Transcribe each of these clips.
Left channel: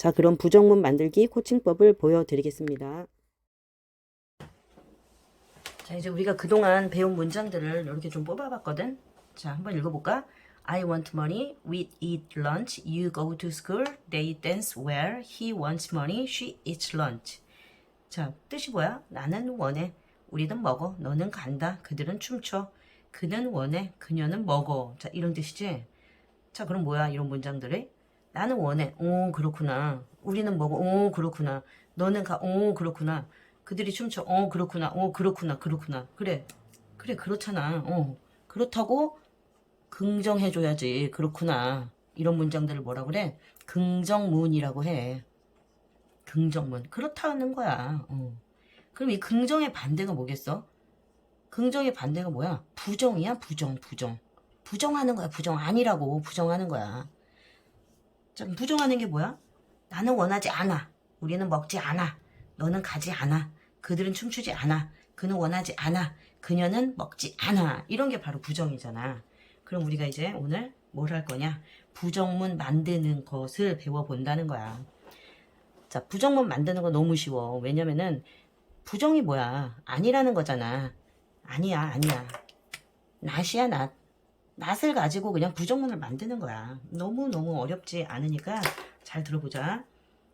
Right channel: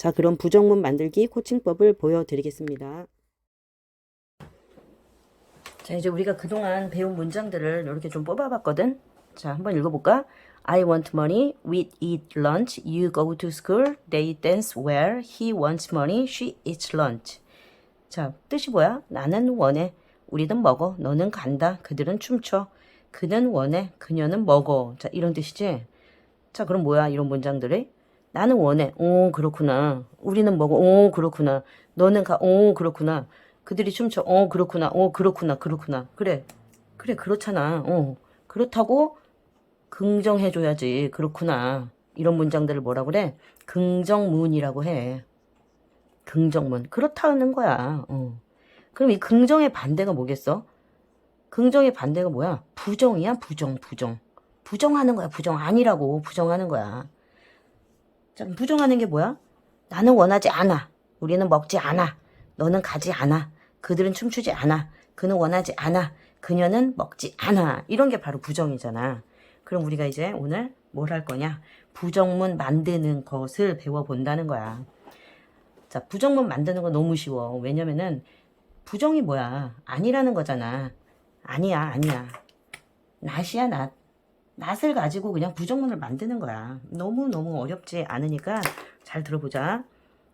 자, 그럼 부정문 만들기 코칭법을 보여드리겠습니다. 자, 이제 우리가 그동안 배운 문장들을 이렇게 좀 뽑아봤거든. 자, 한번 읽어볼까? I want money, we eat lunch, you go to school, they dance where, he wants money, she eats lunch. 자, 뜻이 뭐야? 나는 원해. 우리는 먹어. 너는 간다. 그들은 춤춰. 그는 원해. 그녀는 먹어. 자, 이런 뜻이지? 자, 그럼 뭐야? 이런 문장들이? 나는 원해. 오, 그렇구나. 우리는 먹어. 오, 그렇구나. 너는 가. 오, 그렇구나. 그들이 춤춰. 오, 그렇구나. 오, 그렇구나. 그렇구나. 그래. 그래, 그렇잖아. 어. 그렇다고 긍정해줘야지. 그렇구나. 이런 문장들을 뭐라 그래? 긍정문이라고 해. 긍정문. 그렇다는 거야. 어. 그럼 이 긍정의 반대가 뭐겠어? 긍정의 반대가 뭐야? 부정이야, 부정, 부정. 부정하는 거야, 부정. 아니라고, 부정하는 거야. 자, 부정하는 게 뭐야? 나는 원하지 않아. 우리는 먹지 않아. 너는 가지 않아. 그들은 춤추지 않아. 그는 원하지 않아. 그녀는 먹지 않아. 이런 게 바로 부정이잖아. 그럼 우리가 이제 오늘 뭘 할 거냐? 부정문 만드는 것을 배워본다는 거야. 자, 부정문 만드는 거 너무 쉬워. 왜냐면은 부정이 뭐야? 아니라는 거잖아. 아니야, 아니야. 낫이야, 낫. 낫을 가지고 그냥 부정문을 만드는 거야. 너무너무 어렵지 않으니까 잘 들어보자.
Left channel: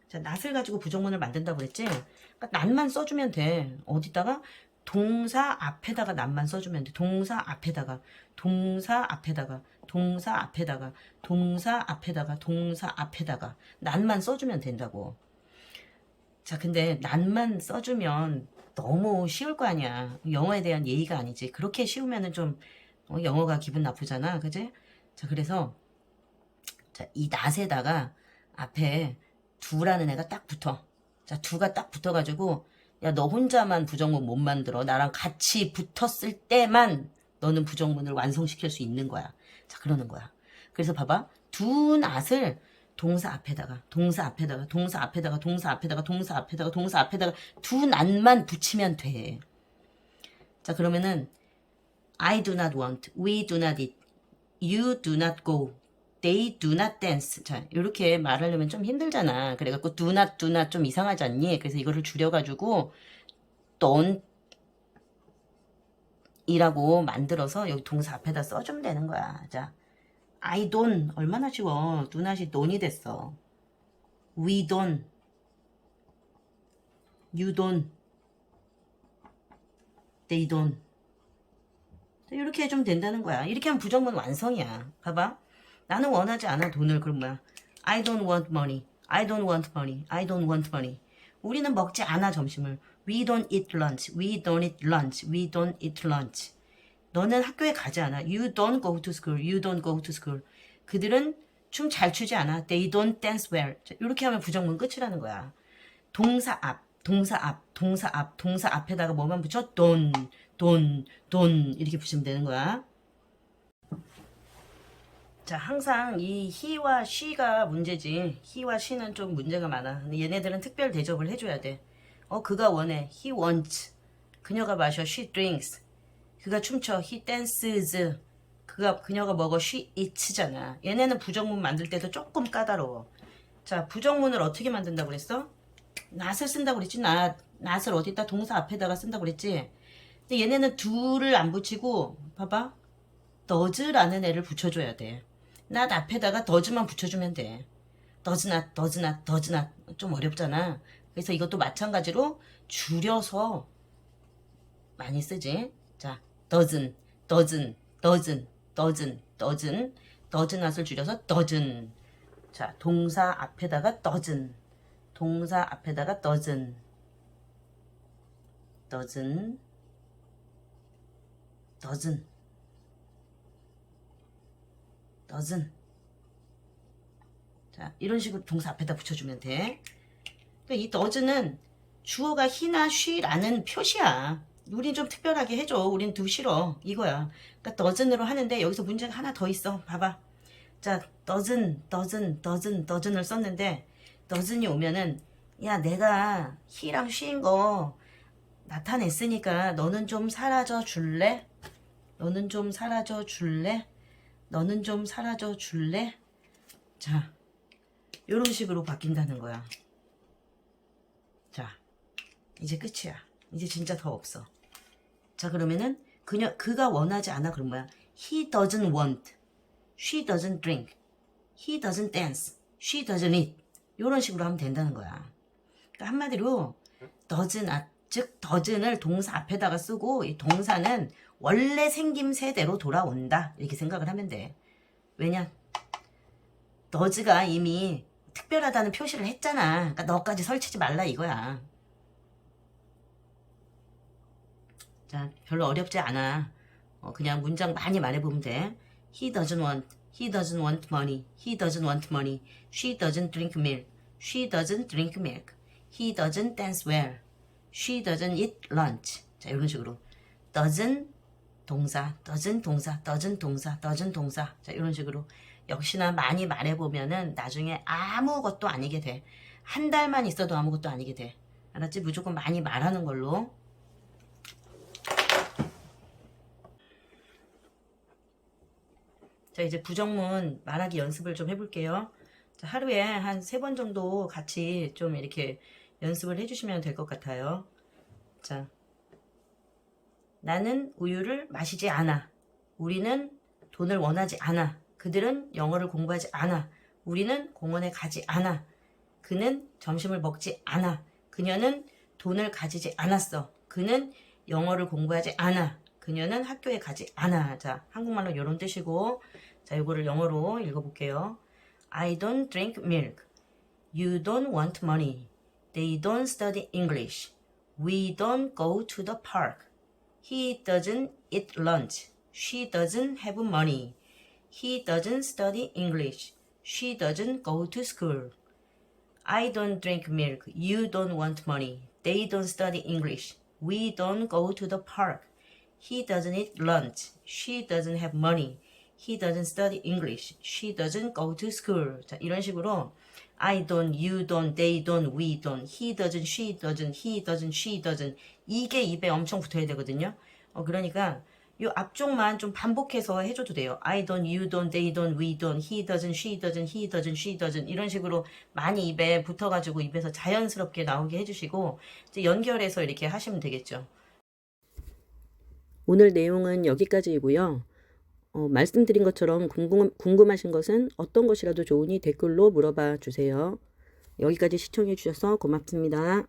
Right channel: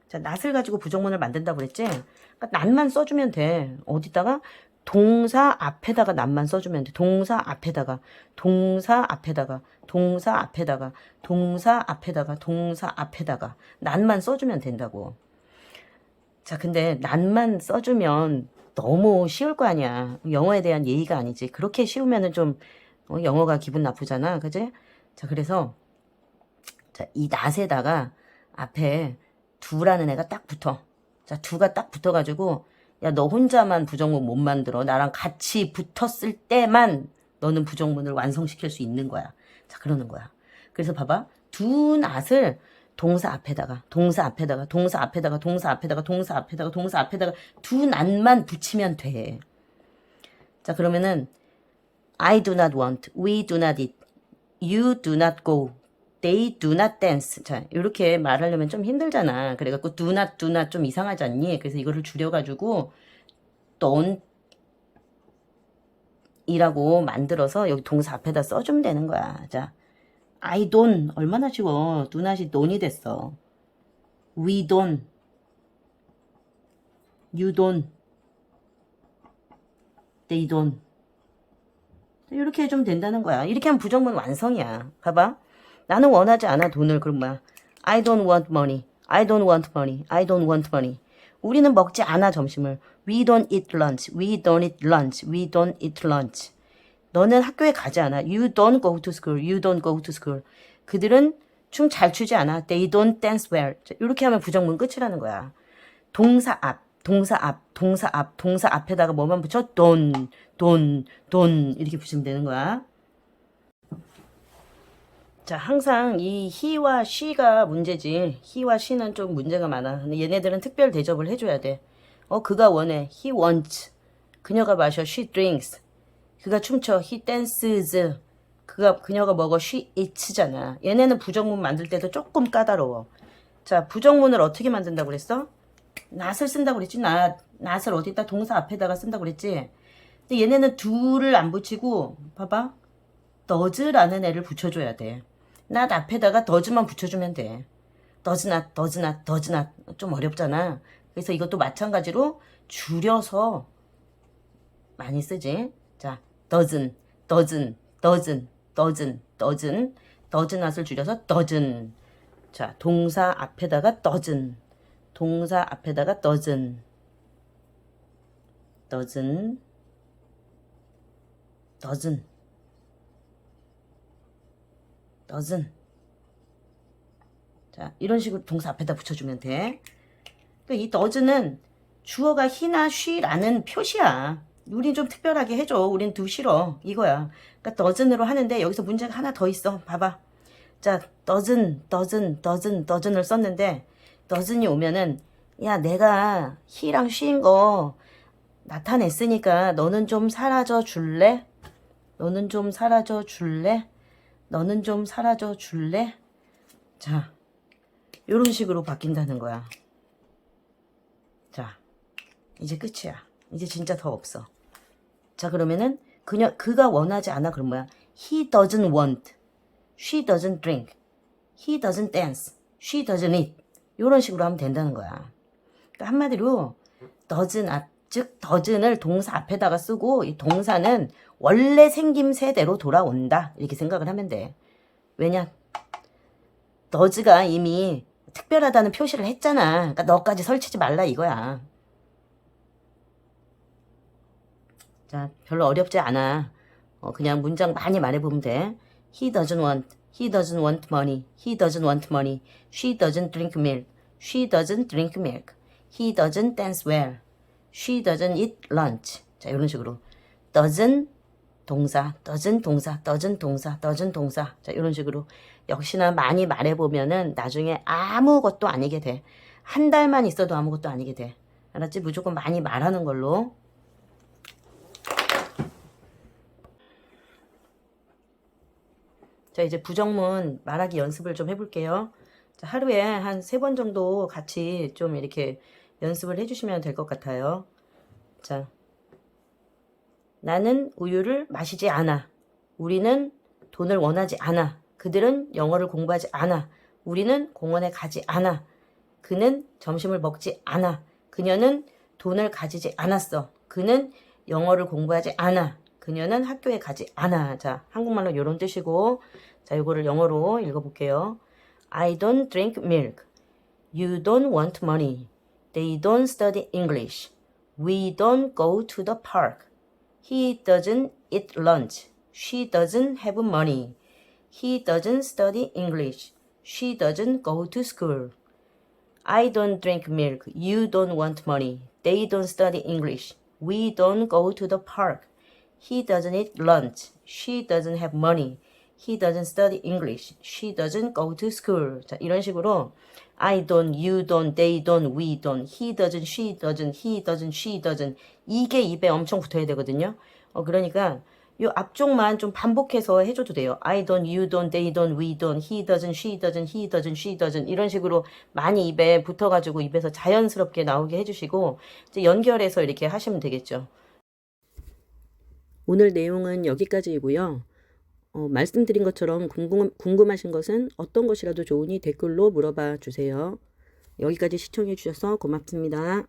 자, 낫을 가지고 부정문을 만든다고 그랬지? 그러니까 낫만 써주면 돼. 어디다가? 동사 앞에다가 낫만 써주면 돼. 동사 앞에다가, 동사 앞에다가, 동사 앞에다가, 동사 앞에다가, 동사 앞에다가, 낫만 써주면 된다고. 자, 근데 난만 써주면 너무 쉬울 거 아니야. 영어에 대한 예의가 아니지. 그렇게 쉬우면은 좀 어, 영어가 기분 나쁘잖아. 그지? 자, 그래서 자, 이 낫에다가 앞에 두라는 애가 딱 붙어. 자, 두가 딱 붙어가지고 야, 너 혼자만 부정문 못 만들어. 나랑 같이 붙었을 때만 너는 부정문을 완성시킬 수 있는 거야. 자, 그러는 거야. 그래서 봐봐. 두 낫을 동사 앞에다가, 동사 앞에다가, 동사 앞에다가, 동사 앞에다가, 동사 앞에다가, 동사 앞에다가 두 낫만 붙이면 돼. 자, 그러면은 I do not want, we do not eat, you do not go, they do not dance. 자, 이렇게 말하려면 좀 힘들잖아. 그래갖고 do not, do not 좀 이상하지 않니? 그래서 이거를 줄여가지고 don't 이라고 만들어서 여기 동사 앞에다 써주면 되는 거야. 자, I don't 얼마나 쉬워. do not이 don이 됐어. We don't, you don't, they don't. 이렇게 해주면 된다는 거야. 이렇게 하면 부정문 완성이야. 봐봐. 나는 원하지 않아 돈을 그럼 뭐야. I don't want money. I don't want money. I don't want money. 우리는 먹지 않아 점심을. We don't eat lunch. We don't eat lunch. We don't eat lunch. 너는 학교에 가지 않아. You don't go to school. You don't go to school. 그들은 춤 잘 추지 않아. They don't dance well. 자, 이렇게 하면 부정문 끝이라는 거야. 동사 앞, 동사 앞, 동사 앞, 동사 앞에다가 뭐만 붙여? don't, don't, don't 이렇게 붙이면 되는 거야. 자, 항상 이 he와 she가 문제지. he와 she는 좀 문제가 많아. 근데 얘네들은 특별 대접을 해줘야 돼. 어, 그가 원해. he wants. 그녀가 마셔. she drinks. 그가 춤춰. he dances. 그가, 그녀가 먹어. she eats잖아. 얘네는 부정문 만들 때도 조금 까다로워. 자, 부정문을 어떻게 만든다고 그랬어? 낫을 쓴다고 그랬지. 낫, 낫을 어디다 동사 앞에다가 쓴다고 그랬지. 근데 얘네는 둘을 안 붙이고, 봐봐. does라는 애를 붙여줘야 돼. 낫 앞에다가 does만 붙여주면 돼. not, does not. 좀 어렵잖아. 그래서 이것도 마찬가지로 줄여서 많이 쓰지. 자, doesn't, doesn't, doesn't, doesn't, does not을 줄여서 doesn't. 자, 동사 앞에다가 doesn't. 동사 앞에다가 doesn't. doesn't. Doesn't. 자, 이런 식으로 동사 앞에다 붙여주면 돼. 또이 does는 주어가 he나 she라는 표시야. 우린 좀 특별하게 해줘. 우린 두 싫어. 이거야. 그러니까 doesn'으로 하는데 여기서 문제가 하나 더 있어. 봐봐. 자, doesn't, doesn't, doesn't, doesn'을 썼는데 doesn'이 오면은 야, 내가 he랑 she인 거 나타냈으니까 너는 좀 사라져 줄래? 너는 좀 사라져 줄래? 너는 좀 사라져 줄래? 자, 이런 식으로 바뀐다는 거야. 자, 이제 끝이야. 이제 진짜 더 없어. 자, 그러면은 그냥 그가 원하지 않아 그럼 뭐야? He doesn't want. She doesn't drink. He doesn't dance. She doesn't eat. 이런 식으로 하면 된다는 거야. 그러니까 한마디로 doesn't 아, 즉 doesn'을 동사 앞에다가 쓰고 이 동사는 원래 생김새대로 돌아온다 이렇게 생각을 하면 돼. 왜냐? 너즈가 이미 특별하다는 표시를 했잖아. 그러니까 너까지 설치지 말라 이거야. 자, 별로 어렵지 않아. 어, 그냥 문장 많이 말해보면 돼. He doesn't want. He doesn't want money. He doesn't want money. She doesn't drink milk. She doesn't drink milk. He doesn't dance well. She doesn't eat lunch. 자, 이런 식으로. doesn't 동사, doesn't 동사, doesn't 동사, doesn't 동사. 자, 이런 식으로. 역시나 많이 말해보면은 나중에 아무것도 아니게 돼. 한 달만 있어도 아무것도 아니게 돼. 알았지? 무조건 많이 말하는 걸로. 자, 이제 부정문 말하기 연습을 좀 해볼게요. 자, 하루에 한 세 번 정도 같이 좀 이렇게 연습을 해주시면 될 것 같아요. 자, 나는 우유를 마시지 않아. 우리는 돈을 원하지 않아. 그들은 영어를 공부하지 않아. 우리는 공원에 가지 않아. 그는 점심을 먹지 않아. 그녀는 돈을 가지지 않았어. 그는 영어를 공부하지 않아. 그녀는 학교에 가지 않아. 자, 한국말로 이런 뜻이고, 자, 이거를 영어로 읽어볼게요. I don't drink milk. You don't want money. They don't study English. We don't go to the park. He doesn't eat lunch. She doesn't have money. He doesn't study English. She doesn't go to school. I don't drink milk. You don't want money. They don't study English. We don't go to the park. He doesn't eat lunch. She doesn't have money. He doesn't study English. She doesn't go to school. 자, 이런 식으로 I don't, you don't, they don't, we don't, he doesn't, she doesn't, he doesn't, she doesn't 이게 입에 엄청 붙어야 되거든요. 어, 그러니까 요 앞쪽만 좀 반복해서 해줘도 돼요. I don't, you don't, they don't, we don't, he doesn't, she doesn't, he doesn't, she doesn't 이런 식으로 많이 입에 붙어가지고 입에서 자연스럽게 나오게 해주시고 이제 연결해서 이렇게 하시면 되겠죠. 오늘 내용은 여기까지이고요. 어, 말씀드린 것처럼 궁금, 궁금하신 것은 어떤 것이라도 좋으니 댓글로 물어봐 주세요. 여기까지 시청해 주셔서 고맙습니다.